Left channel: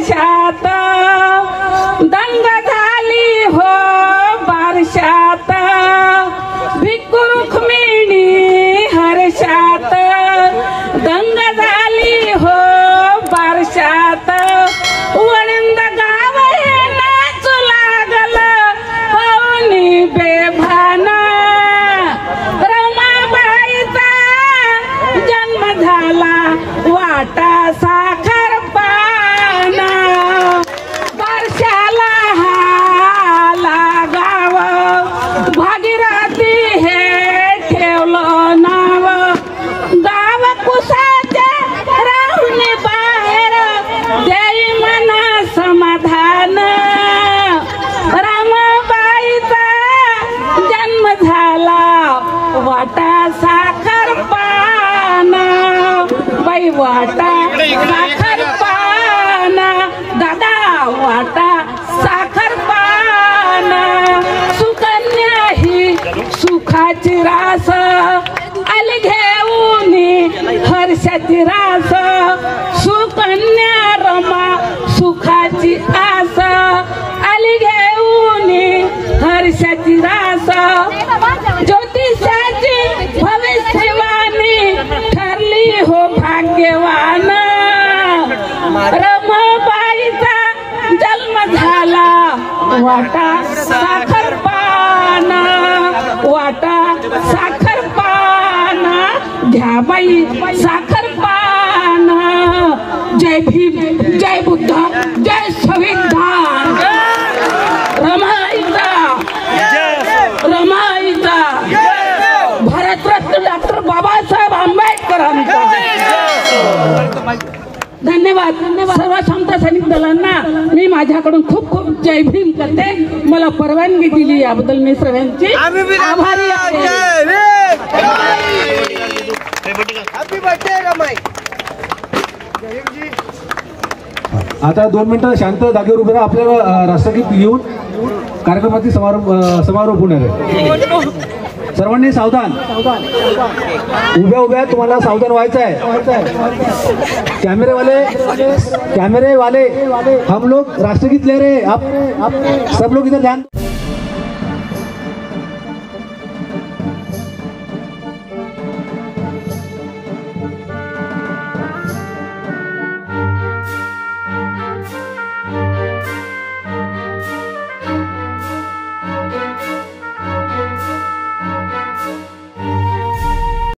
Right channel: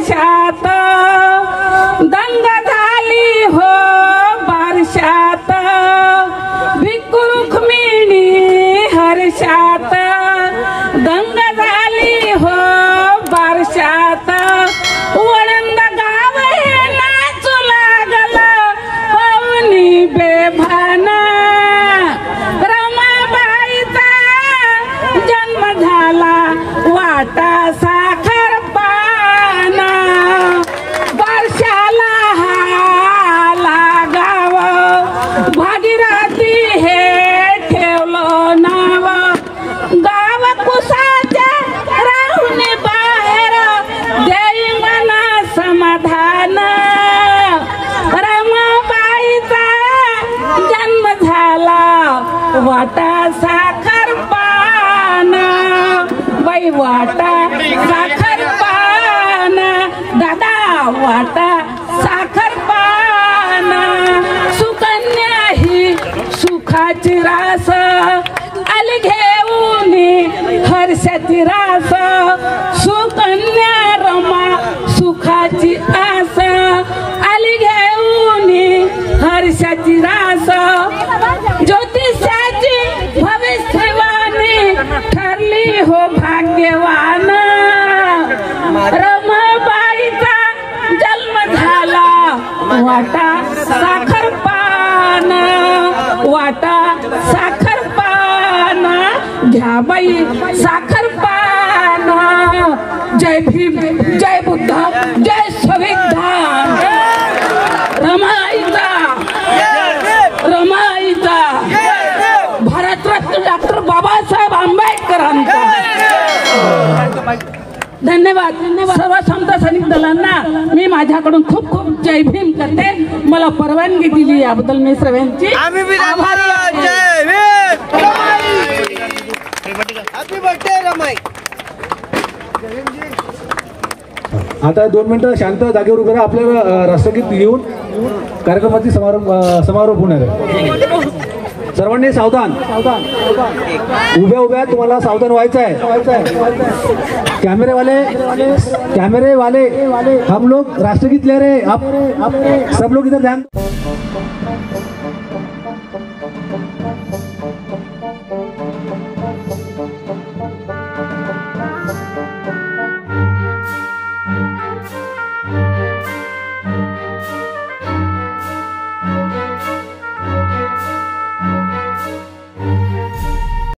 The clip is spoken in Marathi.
हर्षात दंग झाली हो बारशात भिक्खू रुक्मिणी हर्षात दंग झाली हो बारशात वळंद गाव हे नाचू लागल होनी बेभाना रमाबाईचा जन्म झाला वाटा साखर पाना बारशाला हाला गाव भागीरथी हे ठेवलं नाव गाव कुसाच्या राहुन बाहेर देई मना समाधान रमाबाईचा जन्म झाला वाटा साखर पाना बाई वाटा साखर पाना दादा वाटा साखर पाना सुकन्या ही सुखाची रास आली घेऊन हर्षाची रास सुकन्या रमा सुखाची आस आली घेऊन हर्षाची रास ज्योतिषाची भविष्यवाणी ठरली हो भाग्यवान रमाबाईचा जन्म झाला वाटा साखर पान वाटा साखर पान घ्या बाई साखर पान जय भीम जय बुद्ध जय संविधान रमाईचा रमाईचा भारतरत्न डॉक्टर बाबासाहेब आंबेडकरांचा धन्यवाद सर्व समता सैनिक दलांना मी माझ्याकडून खूप खूप जय भीम करते मला परवानगी दिली याबद्दल मी सर्वांची आभारी आहे आता 2 मिनिटं शांत जागेवर उभे राहा आपल्याला राष्ट्रगीत लिहून कार्यक्रमाची समारोप होणार आहे सर्वांनी सावधान उभ्या उभ्या तुम्हाला सावधान व्हायचं आहे कैमरे वाले हम लोग राष्ट्रगीत ले रहे हैं आप सब लोग इधर ध्यान